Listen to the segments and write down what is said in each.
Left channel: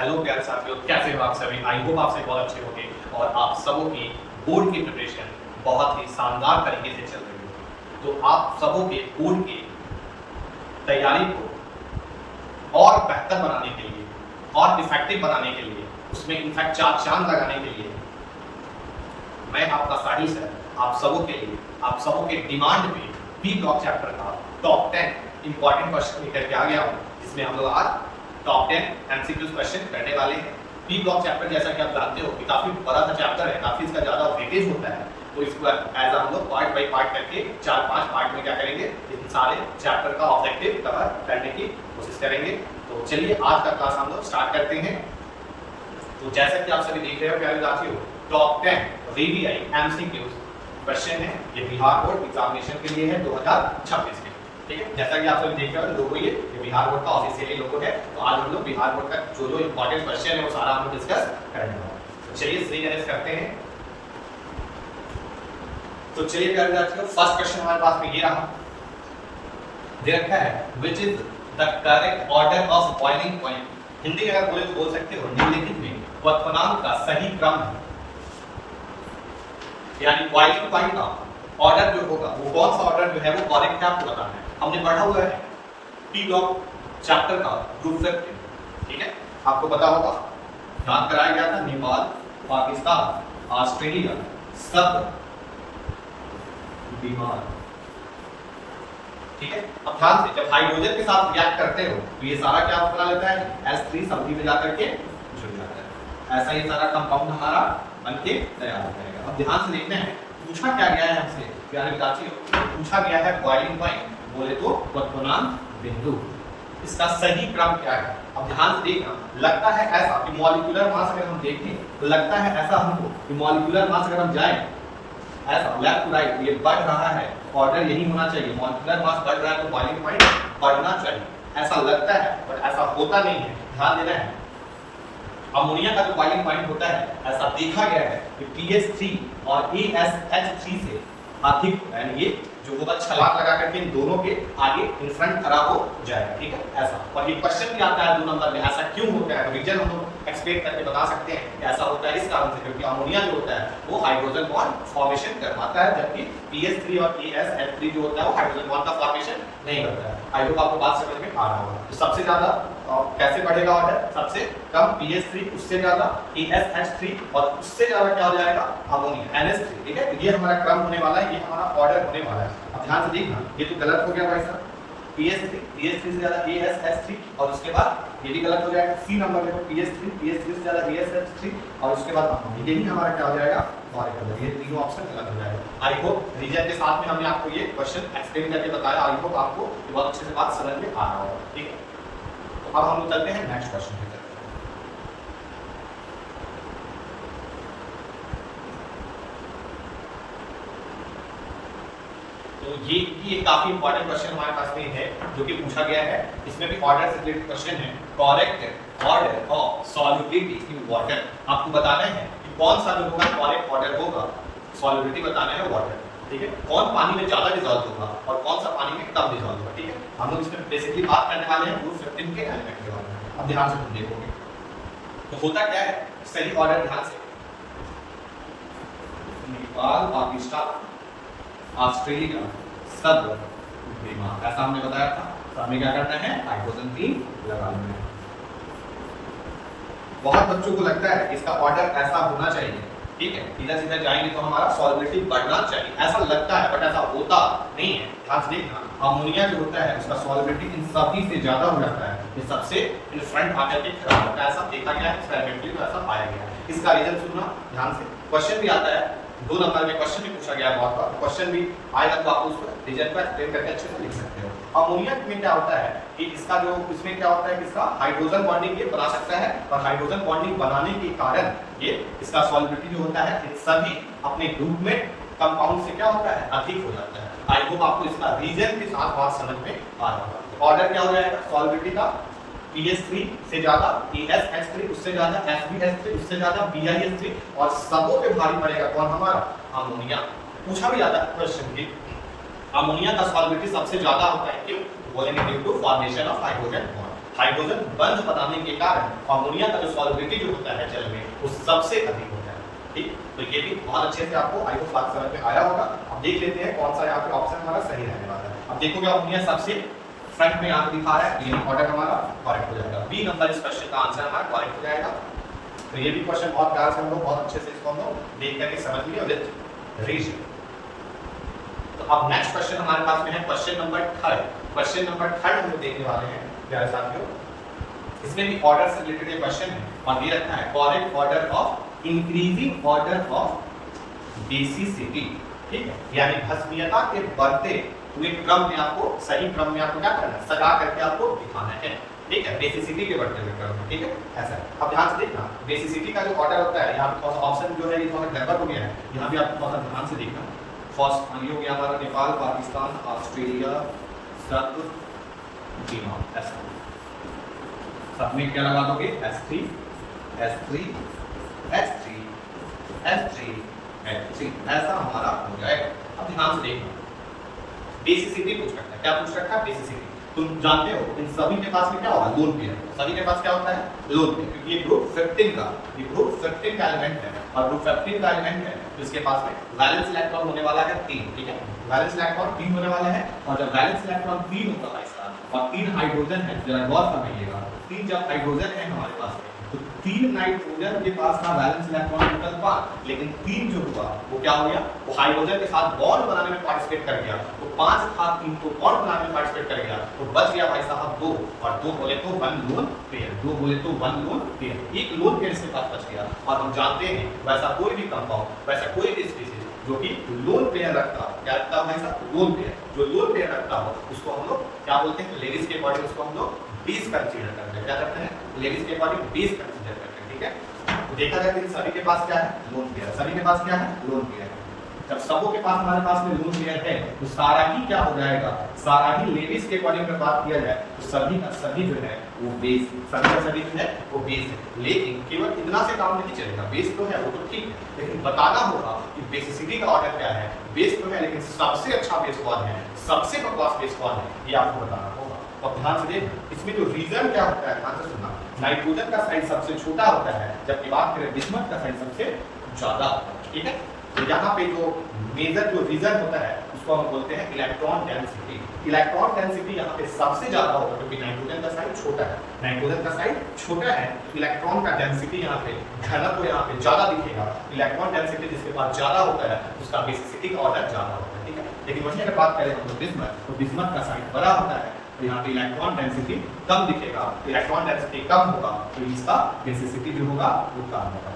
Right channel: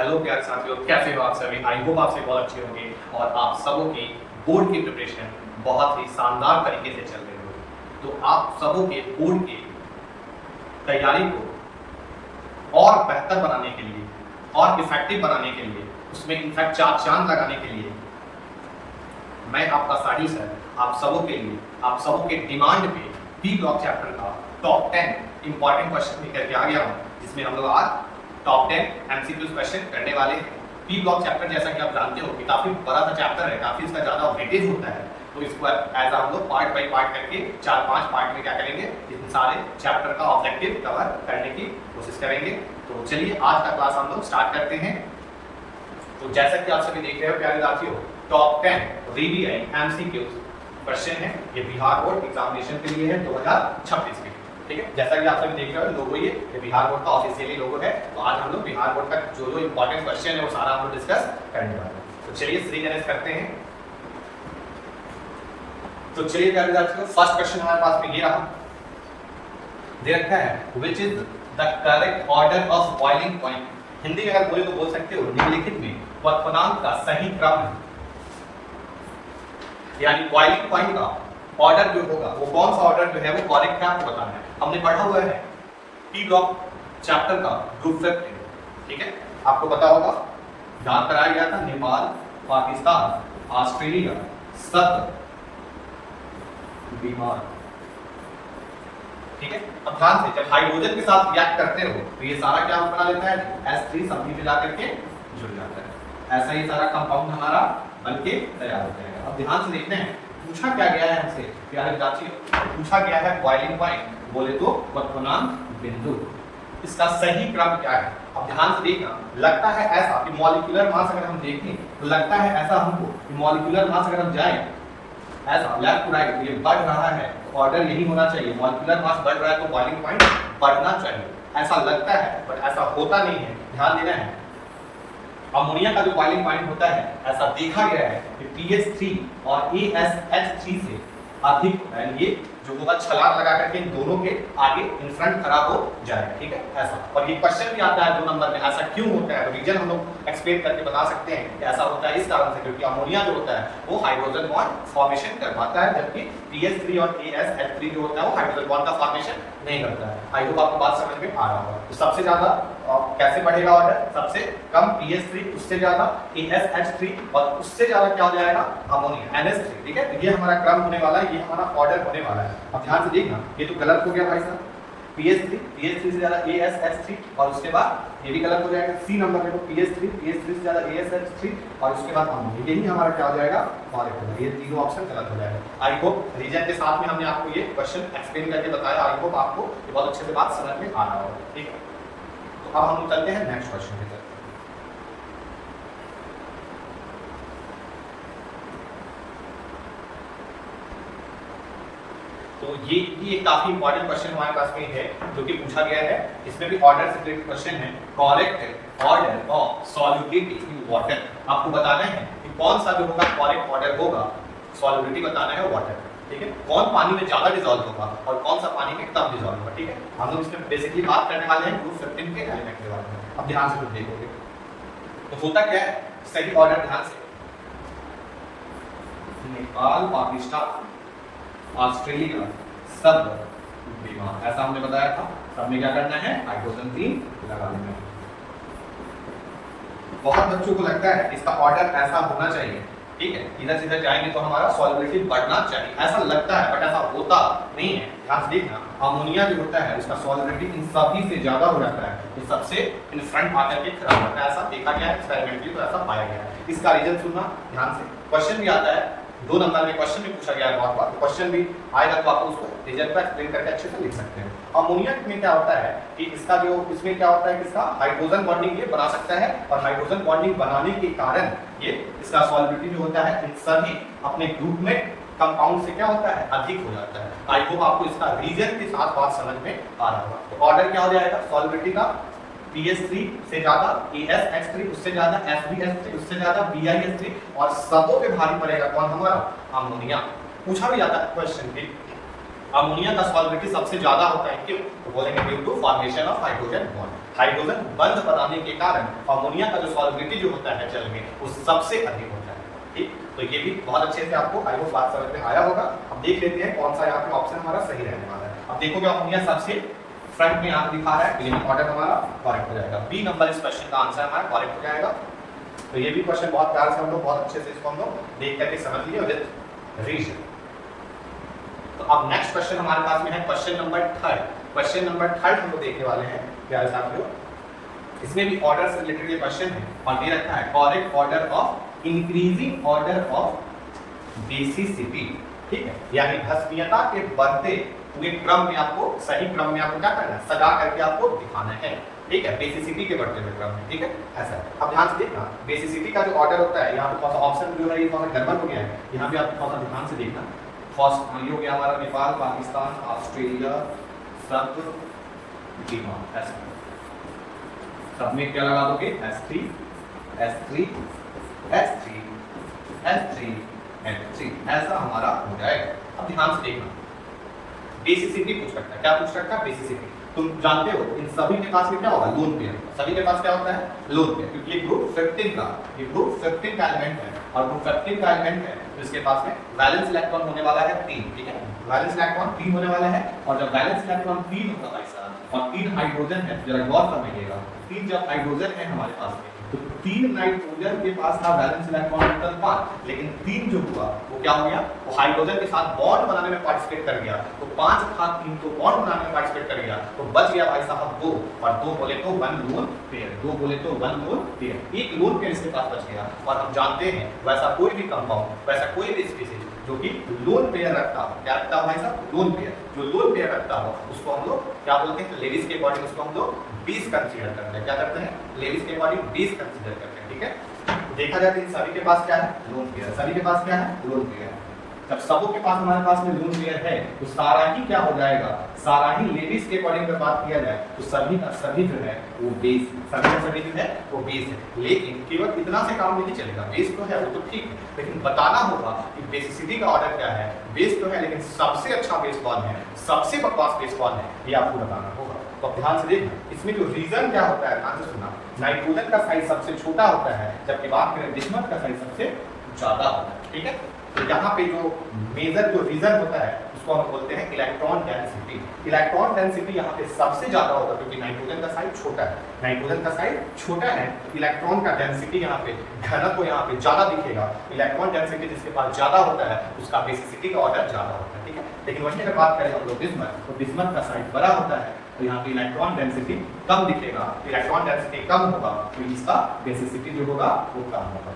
Hello प्यारे साथियों, कैसे हो आप सभी। आई होप आप सभी बहुत अच्छे होंगे और आप सबों की बोर्ड की प्रिपरेशन बहुत ही शानदार तरीके से चल रही होगी। तो आप सबों के बोर्ड की तैयारी को और बेहतर बनाने के लिए और इफेक्टिव बनाने के लिए, उसमें इनफैक्ट चार चांद लगाने के लिए मैं आपका साहिल सर आप सबों के लिए, आप सबों के डिमांड पे पी ब्लॉक चैप्टर का टॉप 10 इंपॉर्टेंट क्वेश्चन लेकर के आ गया हूँ, जिसमें हम लोग आज टॉप 10 एमसीक्यूज क्वेश्चन करने वाले हैं। पी ब्लॉक चैप्टर जैसा कि आप जानते हो कि काफी बड़ा सा चैप्टर है, काफी इसका ज्यादा वेटेज होता है, तो इसको एज हम लोग पार्ट बाई पार्ट करके 4-5 पार्ट में क्या करेंगे, इन सारे चैप्टर का ऑब्जेक्टिव कवर करने की कोशिश करेंगे। तो चलिए आज का क्लास हम लोग स्टार्ट करते हैं। तो जैसा कि आप सभी देख रहे हो प्यारे साथियों, टॉप 10 वीवीआई एमसीक्यूज क्वेश्चन है, ये बिहार बोर्ड एग्जामिनेशन के लिए है 2026 के। ठीक है, जैसा कि आप सब देख रहे हो लोगो, ये बिहार बोर्ड का ऑफिशियली लोगो है। तो आज हम लोग बिहार बोर्ड का जो इंपॉर्टेंट क्वेश्चन है वो सारा हम लोग डिस्कस करने वाले हैं। तो चलिए सीरियस करते हैं। तो चलिए प्यारे साथियों, फर्स्ट क्वेश्चन हमारे पास में ये रहा, दे रखा है which is the correct order of boiling point. Hindi में अगर बोले तो बोल सकते हो निम्नलिखित में क्वथनांक का सही क्रम है, यानी बॉइलिंग पॉइंट का ऑर्डर जो होगा वो कौन सा ऑर्डर जो है वो करेक्ट है आपको बताना है। हमने पढ़ा हुआ है पी ब्लॉक चैप्टर का ग्रुप 15, ठीक है, आपको पता होगा याद कराया गया था नेपाल, पाकिस्तान, ऑस्ट्रेलिया सब बीमार। ठीक है, अब ध्यान से जब हाइड्रोजन के साथ रिएक्ट करते हो तो ये सारा क्या बना लेता है, H3 समझी में जाकर के जुड़ जाता है। ऐसा ये सारा कंपाउंड हमारा बनके तैयार हो जाएगा। अब ध्यान से देखते हैं पूछा क्या गया है हमसे प्यारे साथियों, पूछा गया है बॉइलिंग पॉइंट बोले तो क्वथनांक बिंदु, इसका सही क्रम क्या है। अब ध्यान से देखना, लगता है ऐसा कि मॉलिक्यूलर मास अगर हम देखें तो लगता है ऐसा हमको कि मॉलिक्यूलर मास अगर हम जाएं ऐसा लेफ्ट टू राइट ये बढ़ रहा है, ऑर्डर यही होना चाहिए, मॉलिक्यूलर मास बढ़ रहा है तो बॉइलिंग पॉइंट बढ़ना चाहिए, ऐसा लगता है बट ऐसा होता नहीं है। ध्यान देना है, अमोनिया का जो बॉइलिंग पॉइंट होता है ऐसा देखा गया है कि pH3 और ASH3 से अधिक होता है, ये जो होगा छलांग लगा करके इन दोनों के आगे इन फ्रंट खड़ा हो जाएगा। ठीक है, ऐसा। और ये क्वेश्चन भी आता है 2 नंबर में, ऐसा क्यों होता है, रीजन हम लोग एक्सप्लेन करके बता सकते हैं कि ऐसा होता है इस कारण से क्योंकि अमोनिया जो होता है वो हाइड्रोजन बॉन्ड फॉर्मेशन कर पाता है, जबकि pH3 और ASH3 जो होता है वो हाइड्रोजन बॉन्ड का फॉर्मेशन नहीं करता है। आई होप आपको बात समझ में आ रहा होगा। तो सबसे ज्यादा कैसे बढ़ेगा ऑर्डर, सबसे कम pH3, उससे ज्यादा ASH3 और उससे ज्यादा क्या हो जाएगा अमोनिया NH3। ठीक है, तो ये हमारा क्रम होने वाला है, ये हमारा ऑर्डर होने वाला है। अब ध्यान से देखना, ये तो गलत हो गया भाई साहब, pH3 से ज्यादा ASH3 और उसके बाद ये भी गलत हो जाएगा। सी नंबर में तो pH3 से ज्यादा ASH3 और उसके बाद अमोनिया, यही हमारा क्या हो जाएगा करेक्ट हो जाएगा। ये तीनों ऑप्शन गलत हो जाएगा। आई होप रीजन के साथ में हमने आपको ये क्वेश्चन एक्सप्लेन करके बताया, आई होप आपको बहुत अच्छे से बात समझ में आ रहा होगा। ठीक है, तो अब हम चलते हैं नेक्स्ट क्वेश्चन की तरफ। तो ये काफी इंपॉर्टेंट क्वेश्चन हमारे पास में है जो कि पूछा गया है, इसमें भी ऑर्डर से रिलेटेड क्वेश्चन है। Correct order of solubility in water, आपको बताना है कि कौन सा जो होगा करेक्ट ऑर्डर होगा, सॉल्युबिलिटी बताना है वाटर। ठीक है, कौन पानी में ज्यादा डिसॉल्व होगा और कौन सा पानी में कम डिसॉल्व होगा। ठीक है, हम लोग इसमें बेसिकली बात करने वाले हैं ग्रुप 15 के एलिमेंट के बारे में। अब ध्यान से तुम देखोगे तो होता क्या है, सही ऑर्डर ध्यान से, नेपाल, पाकिस्तान, ऑस्ट्रेलिया सब बीमार, ऐसा हमने बताया था। सब में क्या करना है, हाइड्रोजन 3 लगा लेना है। बहुत बच्चों को लगता है इसका ऑर्डर ऐसा होना चाहिए। ठीक है, इधर से इधर जाएंगे तो हमारा सॉल्युबिलिटी बढ़ना चाहिए, ऐसा लगता है बट ऐसा होता नहीं है। ध्यान से देखना, अमोनिया जो होता है उसका सॉल्युबिलिटी इन सभी से ज्यादा हो जाता है, ये सबसे इन फ्रंट आकर के खड़ा होता है, ऐसा देखा गया है एक्सपेरिमेंटली, तो ऐसा पाया गया है। इसका रीजन सुनना ध्यान से, क्वेश्चन भी आता है 2 नंबर में, क्वेश्चन भी पूछा गया है बहुत बार, क्वेश्चन भी आएगा तो आप उसको रीजन पर एक्सप्लेन करके अच्छे से लिख सकते हो। अमोनिया में क्या होता है कि इसका जो इसमें क्या होता है कि इसका हाइड्रोजन बॉन्डिंग ये बना सकता है और हाइड्रोजन बॉन्डिंग बनाने के कारण ये इसका सॉल्युबिलिटी जो होता है इन सभी अपने ग्रुप में कंपाउंड से क्या होता है अधिक हो जाता है। आई होप आपको इसका रीजन के साथ बात समझ में आ रहा होगा। तो ऑर्डर क्या हो जाएगा सॉल्युबिलिटी का, pH3 से ज्यादा ASH3, उससे ज्यादा SBH3, उससे ज्यादा BiH3 और सबों पे भारी पड़ेगा कौन हमारा अमोनिया। पूछा भी जाता है क्वेश्चन की अमोनिया का सॉल्बिलिटी सबसे ज्यादा होता है, क्यों? तो बोलेंगे due to formation of hydrogen bond. Hydrogen बंध बनाने के कारण अमोनिया का जो सॉल्बिलिटी जो होता है जल में वो सबसे अधिक होता है। ठीक, तो ये भी बहुत अच्छे से आपको आई होप बात समझ में आया होगा। अब देख लेते हैं कौन सा यहाँ पे ऑप्शन हमारा सही रहने वाला है। अब देखोगे अमोनिया सबसे फ्रंट में यहाँ पे दिखा रहा है, ये ऑर्डर हमारा करेक्ट हो जाएगा। बी नंबर इस क्वेश्चन का आंसर हमारा करेक्ट हो जाएगा। तो ये भी क्वेश्चन बहुत प्यार से हम लोग बहुत अच्छे से इसको हम लोग देख करके समझ लिए विद रीजन। तो अब नेक्स्ट क्वेश्चन हमारे पास में है क्वेश्चन नंबर 3। क्वेश्चन नंबर 3 हम लोग देखने वाले हैं प्यारे साथियों। इसमें भी ऑर्डर से रिलेटेड क्वेश्चन है और ये रखा है correct order of increasing order of basicity. ठीक है, यानी भस्मीयता के बढ़ते हुए क्रम में आपको सही क्रम में आपको क्या करना है, सजा करके आपको दिखाना है। ठीक है, बेसिसिटी के बढ़ते हुए क्रम में। ठीक है, ऐसा है। अब ध्यान से देखना बेसिसिटी का जो ऑर्डर होता है, यहाँ पे थोड़ा सा ऑप्शन जो है ये थोड़ा गड़बड़ हो गया है, यहाँ पे आप थोड़ा सा ध्यान से देखना। फर्स्ट ये हो गया हमारा नेपाल, पाकिस्तान, ऑस्ट्रेलिया, सब बीमा, ऐसा सब में क्या लगा दोगे S3 S3 S3 S3 S3, ऐसा हमारा हो जाएगा। अब ध्यान से देखना बेसिसिटी पूछ रखा है, क्या पूछ रखा है? बेसिसिटी। तुम जानते हो इन सभी के पास में क्या होगा, लोन पेयर। सभी के पास क्या होता है, लोन पेयर, क्योंकि ये ग्रुप 15 का एलिमेंट है और ग्रुप 15 का एलिमेंट है तो इसके पास में वैलेंस इलेक्ट्रॉन होने वाला है 3। ठीक है, वैलेंस इलेक्ट्रॉन 3 होने वाला है और जब वैलेंस इलेक्ट्रॉन 3 होगा भाई साहब और 3 हाइड्रोजन है, जरा गौर समझिएगा, 3 जब हाइड्रोजन है हमारे पास में तो 3 नाइट्रोजन के पास था वैलेंस इलेक्ट्रॉन टोटल 5, लेकिन 3 जो हुआ वो क्या हो गया, वो हाइड्रोजन के साथ बॉन्ड बनाने में पार्टिसिपेट कर गया। तो 5 था 3 तो बॉन्ड बनाने में पार्टिसिपेट कर गया, तो बच गया भाई साहब 2 और 2 बोले तो 1 लोन पेयर, 2 बोले तो 1 लोन पेयर, एक लोन पेयर इसके पास बच गया। और हम जानते हैं वैसा कोई भी कंपाउंड, वैसा कोई भी स्पीशीज जो कि लोन पेयर रखता हो, क्या रखता हो भाई साहब, लोन पेयर, जो लोन पेयर रखता हो उसको हम लोग क्या बोलते हैं, लेडीज के अकॉर्डिंग उसको हम लोग बेस कंसीडर करते हैं। क्या करते हैं, लेडीज के अकॉर्डिंग बेस कंसीडर करते हैं। ठीक है, तो देखा जाए कि सभी के पास क्या है, लोन पेयर, सभी के पास क्या है, लोन पेयर। जब सबों के पास हमारे पास में लोन पेयर है तो सारा ही क्या हो जाएगा, सारा ही लेडीज के अकॉर्डिंग अगर बात किया जाए तो सभी का सभी जो है वो बेस, सभी का सभी जो है वो बेस है। लेकिन केवल इतना से काम नहीं चलेगा, बेस तो है वो तो ठीक है, लेकिन बताना होगा कि बेसिसिटी का ऑर्डर क्या है। बेस तो है लेकिन सबसे अच्छा बेस कौन है, सबसे बकवास बेस कौन है, ये आपको बताना होगा। तो अब ध्यान से देखना, इसमें जो रीजन क्या होता है, ध्यान से सुनना। नाइट्रोजन का साइज सबसे छोटा होता है, जबकि बात करें बिस्मथ का साइज सबसे ज्यादा होता है। ठीक है, तो यहाँ पे जो मेजर जो रीजन होता है उसको हम बोलते हैं इलेक्ट्रॉन डेंसिटी। इलेक्ट्रॉन डेंसिटी यहाँ पे सबसे ज्यादा होगा क्योंकि नाइट्रोजन का साइज छोटा है, नाइट्रोजन का साइज छोटा है, इलेक्ट्रॉन का डेंसिटी यहाँ पे घनत्व यहाँ पे ज्यादा दिखेगा। इलेक्ट्रॉन डेंसिटी जिसके पास ज्यादा होता है उसका बेसिसिटी का ऑर्डर ज्यादा होता है। ठीक है, लेकिन वहीं अगर बात करें हम लोग बिस्मथ, तो बिस्मथ का साइज बड़ा होता है तो यहाँ पे इलेक्ट्रॉन डेंसिटी कम दिखेगा। इलेक्ट्रॉन डेंसिटी कम होगा तो इसका बेसिसिटी जो होगा वो कम होगा।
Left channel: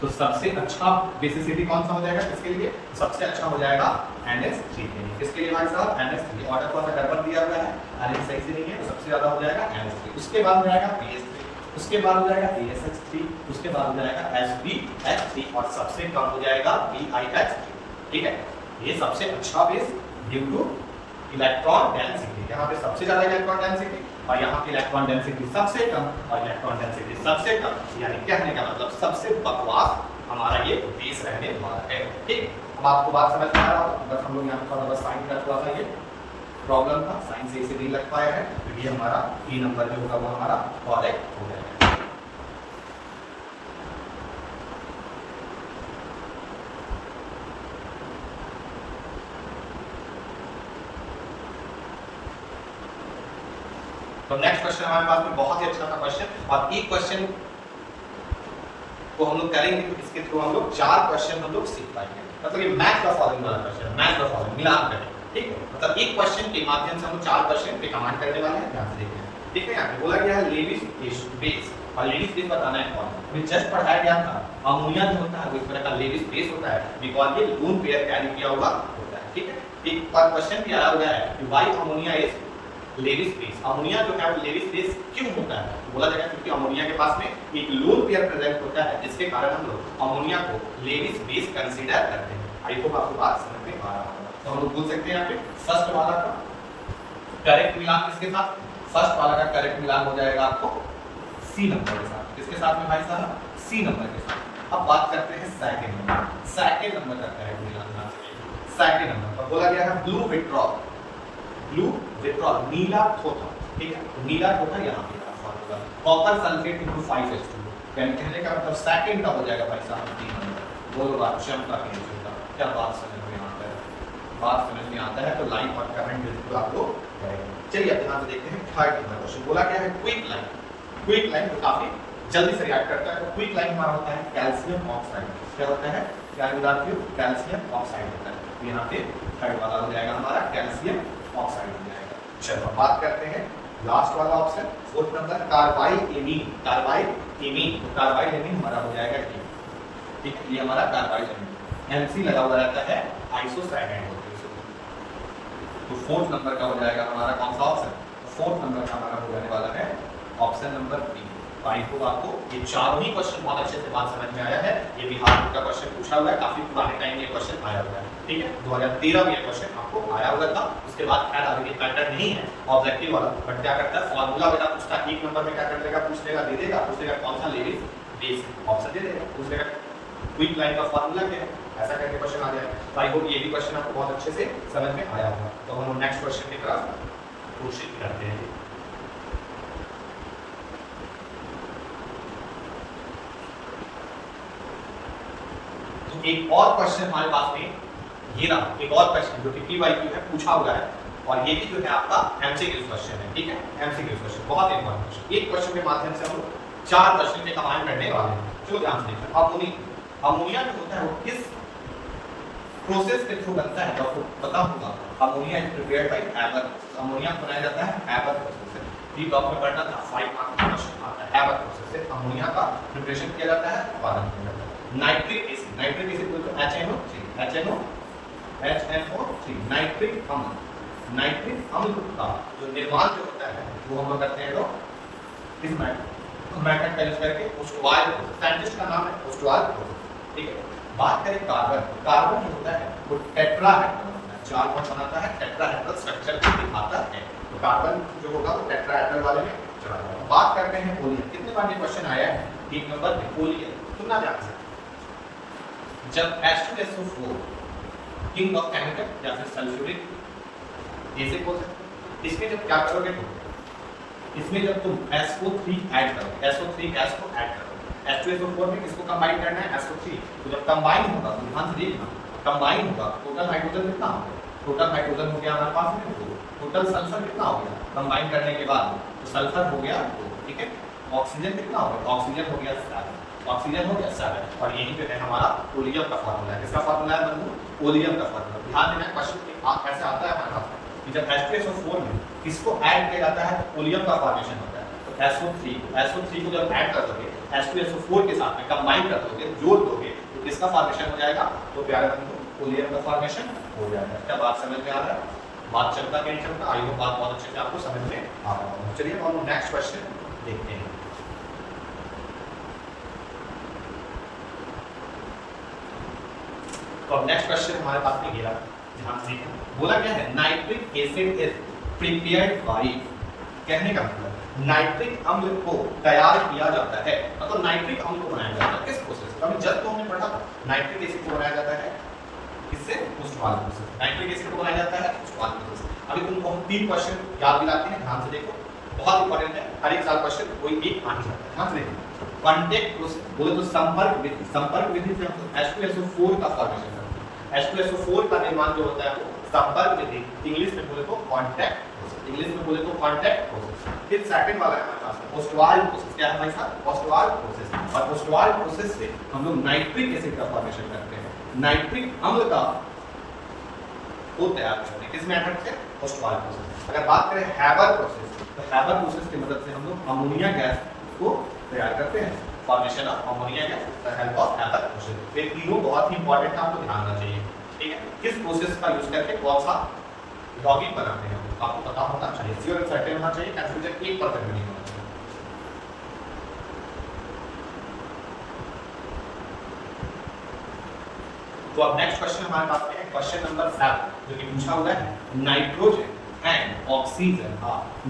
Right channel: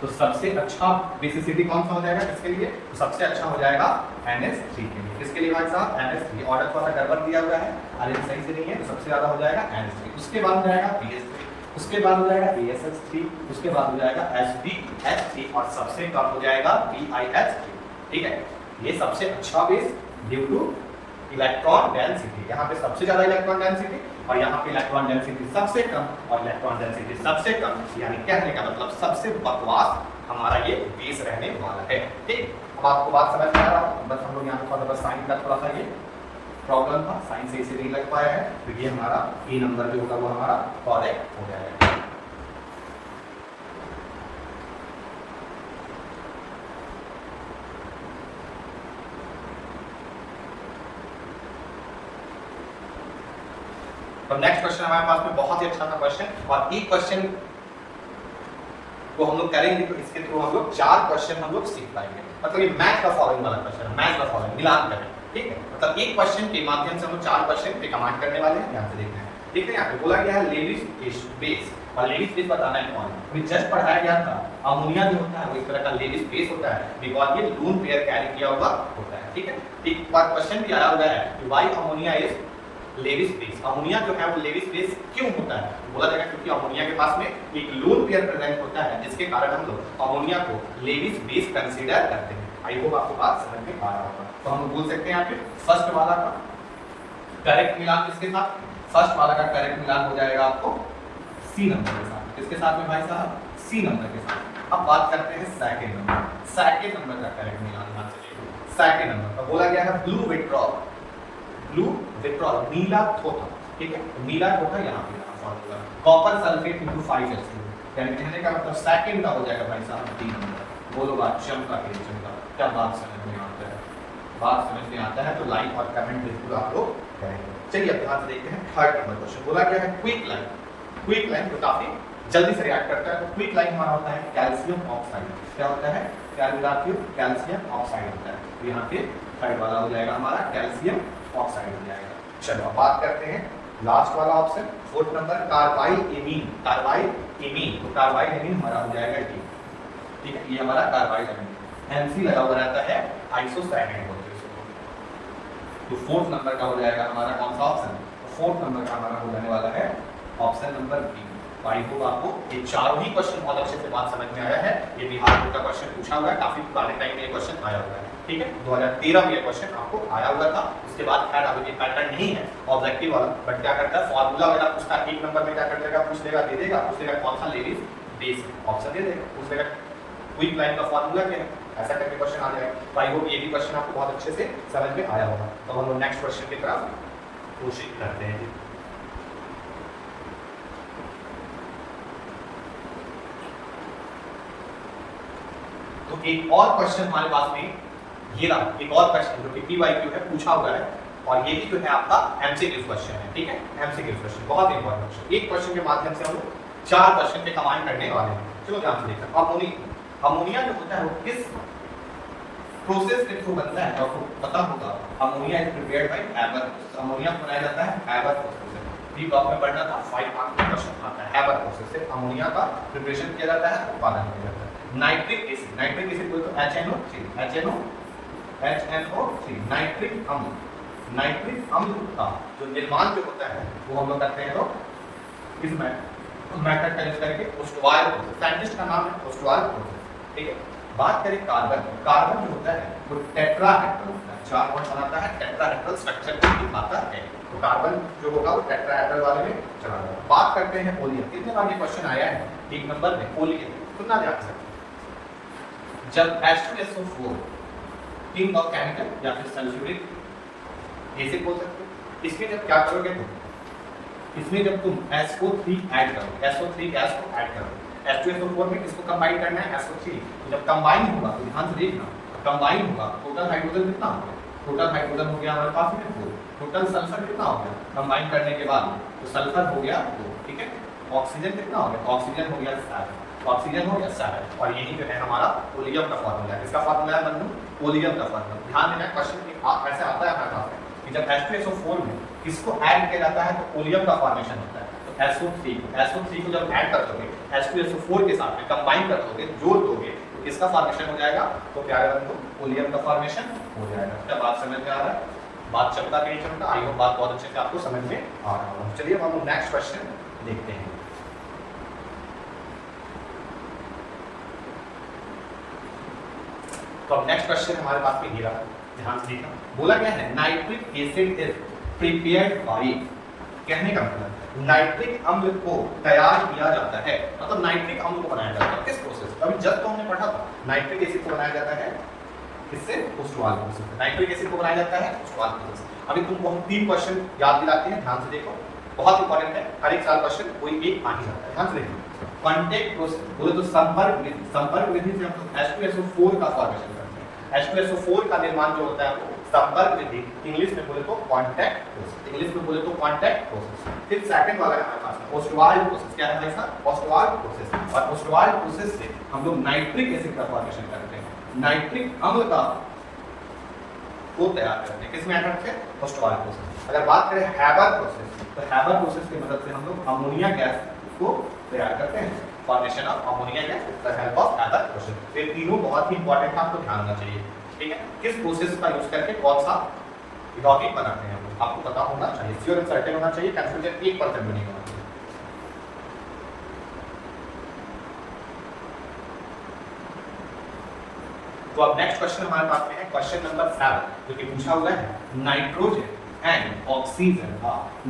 तो सबसे अच्छा बेसिसिटी कौन सा हो जाएगा किसके लिए, सबसे अच्छा हो जाएगा NH3 के लिए। किसके लिए भाई साहब, NH3। ऑर्डर थोड़ा सा गड़बड़ दिया हुआ है, आलेख सही से नहीं है, तो सबसे ज्यादा हो जाएगा NH3, उसके बाद हो जाएगा BS3, उसके बाद हो जाएगा ASH3, उसके बाद हो जाएगा SBH3 और सबसे कम हो जाएगा BiH3। ठीक है, ये सबसे अच्छा base due two electron density, यहाँ पे सबसे ज्यादा इलेक्ट्रॉन डेंसिटी और यहाँ पे इलेक्ट्रॉन डेंसिटी सबसे कम और इलेक्ट्रॉन डेंसिटी सबसे कम, यानी कहने का मतलब सबसे बकवास हमारा ये बेस रहने वाला है। ठीक, अब आपको बात समझ में आ रहा है, बस हम लोग यहाँ पे बस साइन का थोड़ा सा ये प्रॉब्लम था, साइन से इसे नहीं लग पाया है, तो ये हमारा ई नंबर जो होगा वो हमारा करेक्ट हो जाएगा। तो नेक्स्ट क्वेश्चन हमारे पास में बहुत ही अच्छा था क्वेश्चन और एक क्वेश्चन को हम लोग करेंगे तो इसके थ्रू हम लोग 4 क्वेश्चन हम लोग सीख पाएंगे। मतलब ये मैथ का फॉलोइंग वाला क्वेश्चन है, मैथ का फॉलोइंग मिलान करें। ठीक है, मतलब एक क्वेश्चन के माध्यम से हम लोग 4 क्वेश्चन पे कमांड करने वाले हैं। ध्यान से देखते हैं। ठीक है, यहाँ पे बोला गया है लेडीज बेस और लेडीज बेस बताना है कौन, अभी जस्ट पढ़ाया गया था अमोनिया जो होता है वो इस तरह का लेडीज बेस होता है बिकॉज ये लोन पेयर कैरी किया हुआ होता है। ठीक है, एक बार क्वेश्चन भी आया हुआ है कि why ammonia is Lewis base, ammonia जो है वो लेविस बेस क्यों होता है, बोला जाएगा क्योंकि अमोनिया के पास में एक लोन पेयर प्रेजेंट होता है जिसके कारण हम लोग अमोनिया को लेविस बेस कंसीडर करते हैं। आई होप आपको बात समझ में आ रहा होगा। तो हम लोग बोल सकते हैं यहाँ पे फर्स्ट वाला का करेक्ट मिलान किसके साथ, फर्स्ट वाला का करेक्ट मिलान हो जाएगा आपको सी नंबर के साथ। किसके साथ में भाई साहब, सी नंबर के साथ। अब बात करते हैं सेकंड नंबर, सेकंड नंबर का करेक्ट मिलान। सेकंड नंबर पर बोला गया है ब्लू विट्रॉल, ब्लू विट्रॉल नीला थोथा, ठीक है, तो नीला थोथा यहाँ पे होगा कॉपर सल्फेट इनटू 5H2, कहने का मतलब सेकंड का हो जाएगा भाई साहब 3 नंबर। बोलो बात क्षमता की क्षमता, क्या बात समझ में आता है, बात समझ में आता है तो लाइक और कमेंट बिल्कुल आप लोग करेंगे। चलिए अब ध्यान से देखते हैं थर्ड नंबर क्वेश्चन। बोला क्या है क्विक लाइन, क्विक लाइन तो काफी जल्दी से रिएक्ट करता है, तो क्विक लाइन हमारा होता है कैल्शियम ऑक्साइड। क्या होता है, क्या बताती हूँ, कैल्शियम ऑक्साइड होता है, तो यहाँ पे थर्ड वाला हो जाएगा हमारा कैल्शियम ऑक्साइड हो जाएगा। चलो बात करते हैं लास्ट वाला option, fourth number carbyl amine, carbyl amine, तो कार्बाइल एमीन हमारा हो जाएगा ये, ठीक है, ये हमारा कार्बाइल एमीन एमसी लगा हुआ रहता है आइसोसाइनेट होती है, तो फोर्थ नंबर का हो जाएगा हमारा कौन सा ऑप्शन, फोर्थ नंबर का हमारा हो जाने वाला है option number B. I hope आपको ये चारों ही क्वेश्चन बहुत अच्छे से बात समझ में आया है। ये बिहार बोर्ड का क्वेश्चन पूछा हुआ है, काफी पुराने टाइम में ये क्वेश्चन आया हुआ है, ठीक है, 2013 में ये क्वेश्चन आपको आया हुआ था। उसके बाद खैर अभी पैटर्न नहीं है ऑब्जेक्टिव वाला, बट क्या करता है फॉर्मूला वगैरह पूछता है, एक नंबर में क्या कर देगा, पूछ लेगा, दे देगा, पूछ लेगा कौन सा लेडीज बेस ऑप्शन दे देगा, पूछ लेगा क्विक लाइन का फॉर्मूला क्या है, ऐसा करके क्वेश्चन आ जाएगा। आई होप ये भी क्वेश्चन आपको बहुत अच्छे से समझ में आया होगा। तो हम नेक्स्ट क्वेश्चन की तरफ कोशिश करते हैं। तो एक और क्वेश्चन हमारे पास में ये रहा, एक और क्वेश्चन जो कि पीवाईक्यू है पूछा हुआ है, और ये भी जो है आपका एमसीक्यू क्वेश्चन है, ठीक है, एमसीक्यू क्वेश्चन बहुत इंपॉर्टेंट क्वेश्चन। एक क्वेश्चन के माध्यम से हम लोग 4 क्वेश्चन पे कंबाइन करने वाले हैं। चलो ध्यान से देखते हैं। अमोनिया जो होता है वो किस प्रोसेस के थ्रू बनता है, तो आपको पता होगा ammonia is prepared by Haber, ammonia बनाया जाता है हैबर प्रोसेस से। ये टॉप में पढ़ना था 5 मार्क्स का क्वेश्चन आता है, हैबर प्रोसेस से अमोनिया का प्रिपरेशन किया जाता है, उत्पादन किया जाता है। नाइट्रिक एसिड, नाइट्रिक एसिड बोलते हैं HNO3 नाइट्रिक अम्ल, नाइट्रिक अम्ल का जो निर्माण जो होता है वो हम लोग करते हैं तो किस मेथड का यूज करके, ओस्टवाल प्रोसेस, साइंटिस्ट का नाम है ओस्टवाल प्रोसेस, ठीक है। बात करें कार्बन, कार्बन जो होता है वो टेट्राहेड्रल होता है, 4 बॉन्ड बनाता है, टेट्राहेड्रल स्ट्रक्चर को दिखाता है, तो कार्बन जो होगा वो टेट्राहेड्रल वाले में चला जाएगा। बात करते हैं ओलियम, कितने बार ये क्वेश्चन आया है, एक नंबर में ओलियम, सुनना ध्यान से, जब H2SO4 किंग ऑफ केमिकल या फिर सल्फ्यूरिक एसिड बोल सकते हो, इसमें जब क्या करोगे तुम, इसमें जब तुम SO3 ऐड करो, SO3 गैस को ऐड करो, H2SO4 में किसको कंबाइन करना है, SO3, तो जब कंबाइन होगा तो ध्यान से देखना, कंबाइन होगा टोटल हाइड्रोजन कितना हो गया, टोटल हाइड्रोजन हो गया हमारे पास में 2, टोटल सल्फर कितना हो गया कंबाइन करने के बाद, तो सल्फर हो गया 2, ठीक है, ऑक्सीजन कितना हो गया, ऑक्सीजन हो गया 7, ऑक्सीजन हो गया 7, और यही जो है हमारा ओलियम का फार्मूला है। इसका फार्मूला है बंधु ओलियम का फार्मूला। ध्यान देना क्वेश्चन आप ऐसे आता है हमारे पास कि जब H2SO4 में किसको ऐड किया जाता है तो ओलियम का फॉर्मेशन होता है, तो SO3 को जब ऐड कर दोगे H2SO4 के साथ में कंबाइन कर दोगे, जोड़ दोगे, तो किसका फॉर्मेशन हो जाएगा, तो प्यारे बंधु ओलियम का फॉर्मेशन हो जाएगा। क्या बात समझ में आ रहा है, बात चलता नहीं चलता, आई होप बात बहुत अच्छे से आपको समझ में आ रहा होगा। चलिए हम नेक्स्ट क्वेश्चन देखते हैं। तो अब नेक्स्ट क्वेश्चन हमारे पास में गिरा, ध्यान से देखना, बोला क्या है, nitric acid is prepared by, कहने का मतलब नाइट्रिक अम्ल को तैयार किया जाता है, मतलब नाइट्रिक अम्ल को बनाया जाता है किस प्रोसेस, अभी जस्ट तो हमने पढ़ा था नाइट्रिक एसिड को बनाया जाता है किससे, ओस्टवाल प्रोसेस, नाइट्रिक एसिड को बनाया जाता है ओस्टवाल प्रोसेस। अभी तुमको हम 3 क्वेश्चन याद दिलाते हैं, ध्यान से देखो, बहुत इंपॉर्टेंट है, हर एक साल क्वेश्चन कोई एक आ ही जाता है, ध्यान से देखो। कांटेक्ट प्रोसेस बोले तो संपर्क विधि, संपर्क विधि से हम लोग H2SO4 का फॉर्मेशन करते हैं, H2SO4 का निर्माण जो होता है वो संपर्क विधि, इंग्लिश में बोले तो कांटेक्ट प्रोसेस, इंग्लिश में बोले तो कांटेक्ट प्रोसेस। फिर सेकंड वाला है हमारे पास में ओस्टवाल प्रोसेस, क्या है भाई साहब, ओस्टवाल प्रोसेस, और ओस्टवाल प्रोसेस से हम लोग नाइट्रिक एसिड का फॉर्मेशन करते हैं, नाइट्रिक अम्ल का को तैयार करते हैं, किस मेथड से, ओस्टवाल प्रोसेस। अगर बात करें हैबर प्रोसेस, तो हैबर प्रोसेस की मदद से हम लोग अमोनिया गैस को तैयार करते हैं, formation of ammonia gas with the help of Haber process. ये तीनों बहुत ही इंपॉर्टेंट है, आपको ध्यान रखना चाहिए, ठीक है, किस प्रोसेस का यूज करके कौन सा यौगिक बनाते हैं आपको पता होना चाहिए, श्योर एंड सर्टेन होना चाहिए, कंफ्यूजन 1% भी नहीं होना चाहिए। तो अब नेक्स्ट क्वेश्चन हमारे पास में है क्वेश्चन नंबर 7, जो कि पूछा हुआ है नाइट्रोजन एंड ऑक्सीजन,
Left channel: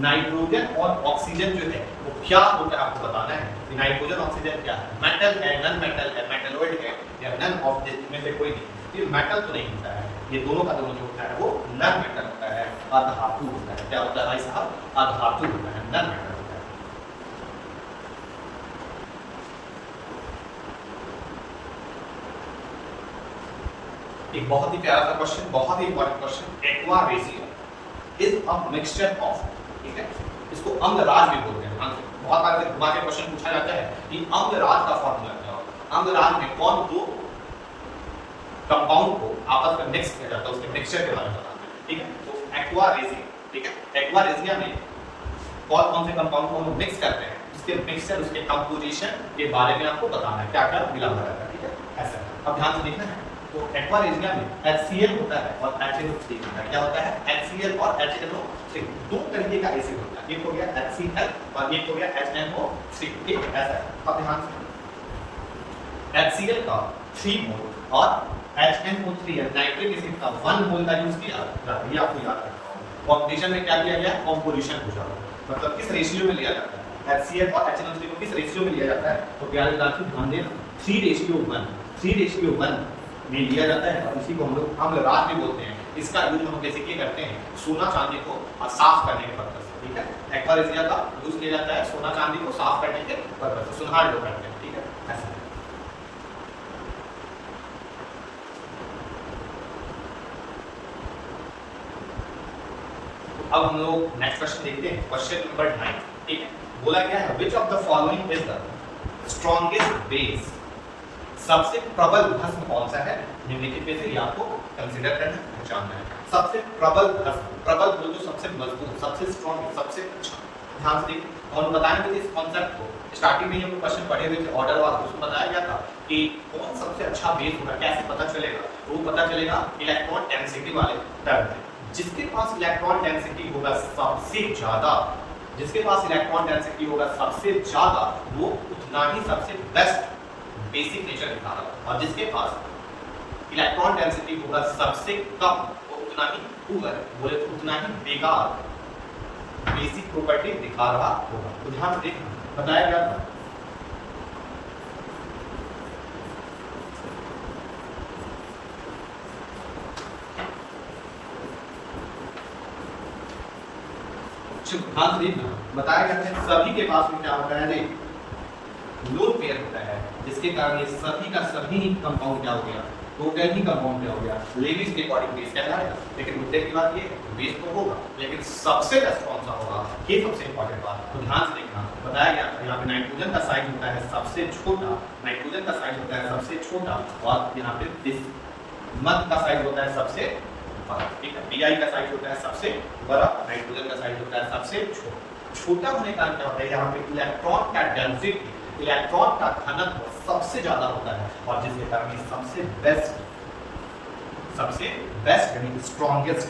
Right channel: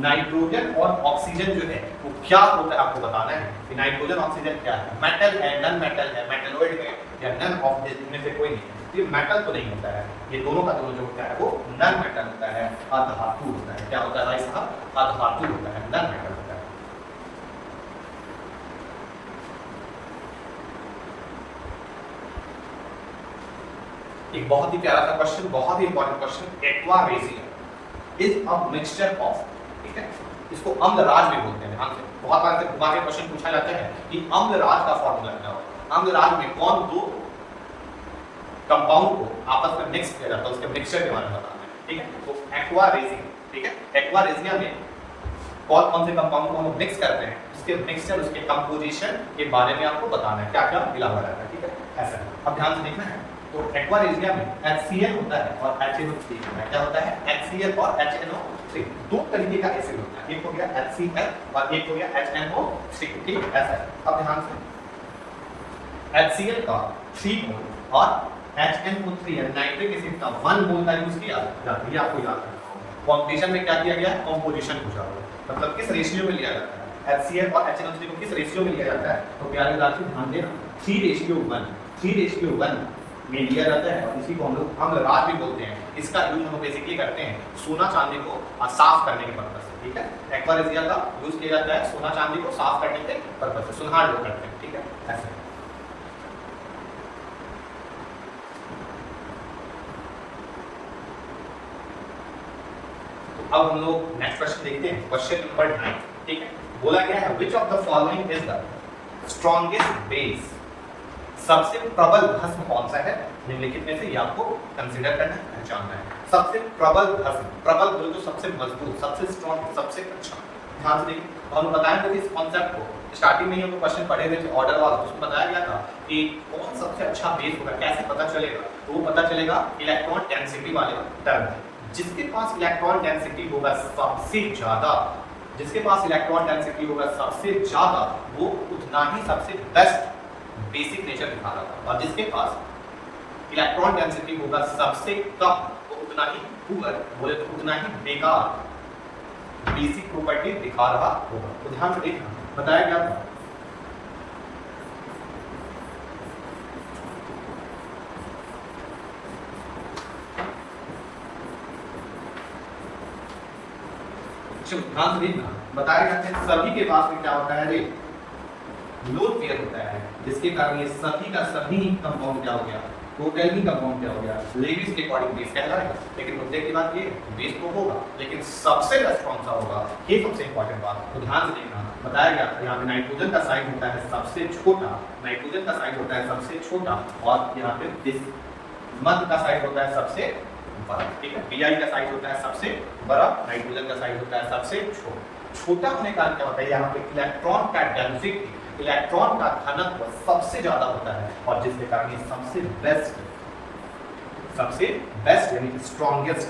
नाइट्रोजन और ऑक्सीजन जो है वो क्या होता है आपको बताना है कि नाइट्रोजन ऑक्सीजन क्या है, मेटल है, नॉन मेटल है, मेटलॉइड है, या नन ऑफ दिस में से कोई नहीं, ये मेटल तो नहीं होता है, ये दोनों का दोनों जो होता है वो नन मेटल होता है, अधातु होता है। क्या होता है भाई साहब? अधातु होता है, नन मेटल होता है। एक बहुत ही प्यारा सा क्वेश्चन, बहुत ही important question, aqua ratio is a mixture of, ठीक है, इसको अम्लराज भी बोलते हैं। बहुत बार घुमा के क्वेश्चन पूछा जाता है कि अम्लराज का फॉर्मूला क्या होगा। अम्लराज में कौन दो कंपाउंड को आपस में मिक्स किया जाता है, उसके मिक्सचर के बारे में बताते हैं, ठीक है। तो एक्वा रेजिन, ठीक है, एक्वा रेजिया में कौन कौन से कंपाउंड को हम मिक्स करते हैं, उसके मिक्सचर, उसके कंपोजिशन के बारे में आपको बताना है, क्या क्या मिला हुआ रहता है, ठीक है, ऐसा। अब ध्यान से देखना है, तो एक्वा रेजिया में HCl होता है और HNO3 होता है। क्या होता है? HCl और HNO3, दो तरीके का एसिड होता है, एक हो गया HCl और एक हो गया HNO3, ठीक है, ऐसा। अब ध्यान से, HCl का 3 मोल और HNO3 नाइट्रिक एसिड का 1 मोल का यूज किया जाता है, ये आपको याद रखना होगा। कॉम्बिनेशन में क्या किया गया है? कॉम्पोजिशन पूछा हुआ है, मतलब किस रेशियो में लिया जाता है, HCl और HNO3 को किस रेशियो में लिया जाता है। तो प्यारे विद्यार्थी ध्यान देना, 3:1 में लिया जाता है, और इसी को हम लोग अम्लराज भी बोलते हैं। इसका यूज हम बेसिकली करते हैं सोना चांदी को साफ करने के पर्पज से, ठीक है। एक्वा रेजिया का यूज किया जाता है सोना चांदी को साफ करने के पर्पज से, सुनहरा लोग करते हैं, ठीक है, ऐसे। अब हम लोग नेक्स्ट क्वेश्चन देखते हैं, क्वेश्चन नंबर 9, ठीक है। बोला गया है which of the following is the strongest base, सबसे प्रबल भस्म कौन सा है निम्नलिखित में से, ये आपको कंसीडर करना है, पहचानना है। सबसे प्रबल भस्म, प्रबल बोले तो सबसे मजबूत, सबसे स्ट्रॉन्ग, सबसे अच्छा। ध्यान से देखिए, और हम बताया थे इस कॉन्सेप्ट को स्टार्टिंग में ही हम क्वेश्चन पढ़े हुए थे ऑर्डर वाला, उसमें बताया गया था कि कौन सबसे अच्छा बेस होगा, कैसे पता चलेगा। तो वो पता चलेगा इलेक्ट्रॉन डेंसिटी वाले टर्म में, जिसके पास इलेक्ट्रॉन डेंसिटी होगा सबसे ज्यादा, जिसके पास इलेक्ट्रॉन डेंसिटी होगा सबसे ज्यादा, वो उतना ही सबसे बेस्ट बेसिक नेचर दिखा रहा होगा, और जिसके पास इलेक्ट्रॉन डेंसिटी होगा सबसे कम, वो उतना ही पुअर, बोले तो उतना ही बेकार बेसिक प्रॉपर्टी दिखा रहा होगा। तो ध्यान से देखना, बताया गया था ध्यान से देखना, बताया गया था सभी के पास में क्या होता है रे, लोन पेयर होता है, जिसके कारण ये सभी का सभी कंपाउंड क्या हो गया, टोटल ही कंपाउंड क्या हो गया, लेविस के अकॉर्डिंग बेस कहलाएगा। लेकिन मुद्दे की बात ये बेस तो होगा, लेकिन सबसे बेस्ट कौन सा होगा, ये सबसे इंपॉर्टेंट बात है। तो ध्यान से देखना, बताया गया यहाँ पे नाइट्रोजन का साइज होता है सबसे छोटा, नाइट्रोजन का साइज होता है सबसे छोटा, और यहाँ पे मध का साइज होता है सबसे बड़ा, ठीक है। Bi का साइज होता है सबसे बड़ा, नाइट्रोजन का साइज होता है सबसे छोटा होने का क्या होता है, यहाँ पे इलेक्ट्रॉन का डेंसिटी, इलेक्ट्रॉन का घनत्व सबसे ज्यादा होता है, और जिसके कारण ये सबसे बेस्ट यानी कि स्ट्रॉन्गेस्ट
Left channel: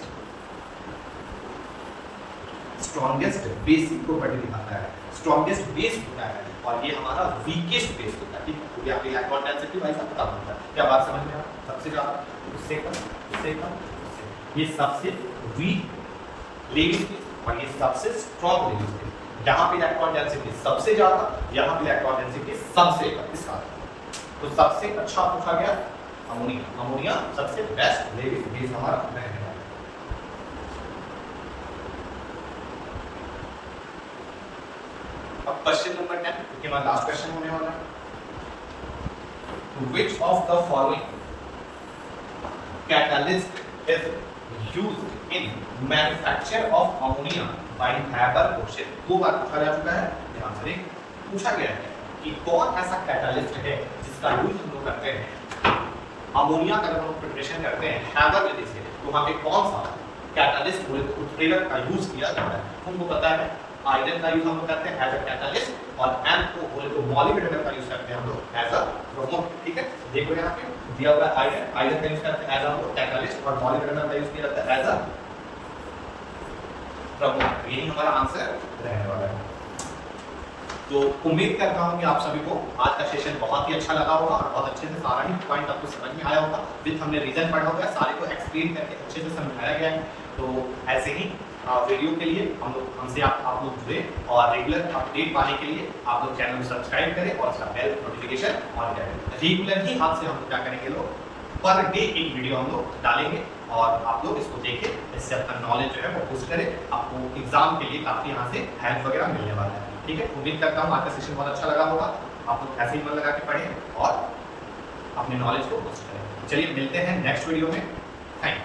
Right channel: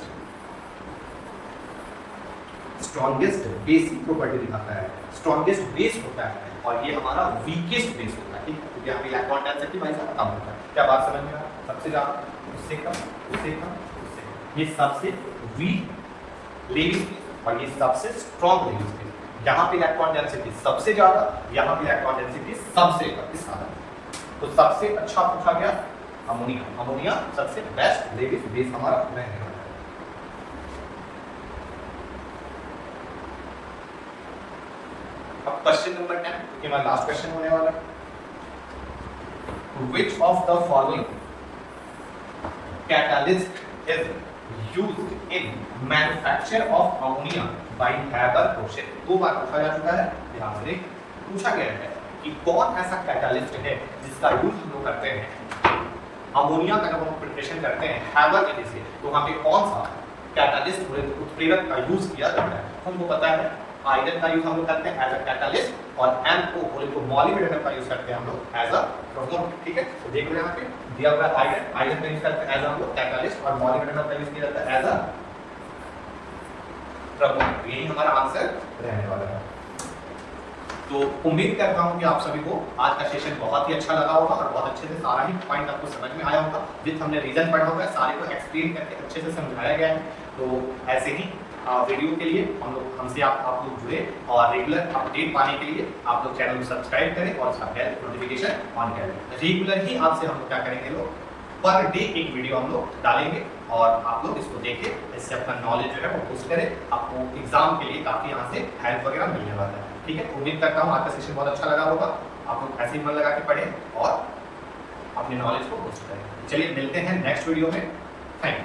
बेसिक प्रॉपर्टी दिखाता है, स्ट्रॉन्गेस्ट बेस होता है, और ये हमारा वीकेस्ट बेस होता है, ठीक है। क्योंकि यहाँ पे इलेक्ट्रॉन डेंसिटी भाई साहब कम होता है। क्या बात समझ में आ, सबसे ज्यादा, उससे कम, उससे कम, ये सबसे वीक लेविस और ये सबसे स्ट्रॉन्ग लेविस, यहाँ पे इलेक्ट्रॉन डेंसिटी सबसे ज्यादा, यहाँ पे इलेक्ट्रॉन डेंसिटी सबसे कम, इस कारण तो सबसे अच्छा पूछा गया अमोनिया, अमोनिया सबसे बेस्ट लेविस बेस हमारा रहने वाला है। अब क्वेश्चन नंबर 10, क्योंकि हमारा लास्ट क्वेश्चन होने वाला है, which of the following catalyst is used in manufacture of ammonia by Haber-Bosch? दो बार पूछा जा चुका है, ध्यान से देख, पूछा गया है कि कौन ऐसा कैटालिस्ट है जिसका यूज हम लोग करते हैं अमोनिया का, जब हम प्रिपरेशन करते हैं हैबर विधि से, तो वहाँ पे कौन सा कैटालिस्ट उत्प्रेरक का यूज किया जाता है। हमको पता है आयरन का यूज हम लोग करते हैं एज अ कैटालिस्ट, और एम को बोले तो मॉलिब्डेनम का यूज करते हैं हम लोग एज अ प्रोमोट, ठीक है। तो देखो यहाँ पे दिया हुआ आयरन, आयरन का यूज करते हैं एज हम लोग कैटालिस्ट, और मॉलिब्डेनम का यूज किया जाता है एज अ प्रमोट। यही हमारा आंसर रहने वाला है। तो उम्मीद करता हूँ कि आप सभी को आज का सेशन बहुत ही अच्छा लगा होगा, और बहुत अच्छे से सारा ही पॉइंट आपको समझ में आया होगा, विद हमने रीजन पढ़ा होगा, सारे को एक्सप्लेन करके अच्छे से समझाया गया है। तो ऐसे ही वीडियो के लिए हमसे आप लोग जुड़े, और रेगुलर अपडेट पाने के लिए आप लोग चैनल को सब्सक्राइब करें और इसका बेल नोटिफिकेशन ऑन करें। रेगुलर ही आपसे हम लोग क्या करेंगे, लोग पर डे एक वीडियो हम लोग डालेंगे और आप लोग इसको देखें, इससे अपना नॉलेज जो है वो बूस्ट करें, आपको एग्जाम के लिए काफ़ी यहाँ से हेल्प वगैरह मिलने वाला है। ठीक है, उम्मीद करता हूँ आज का सेशन बहुत अच्छा लगा होगा, आप लोग ऐसे ही मन लगा के पढ़ें और अपने नॉलेज को बूस्ट करें। चलिए मिलते हैं नेक्स्ट वीडियो में, थैंक यू।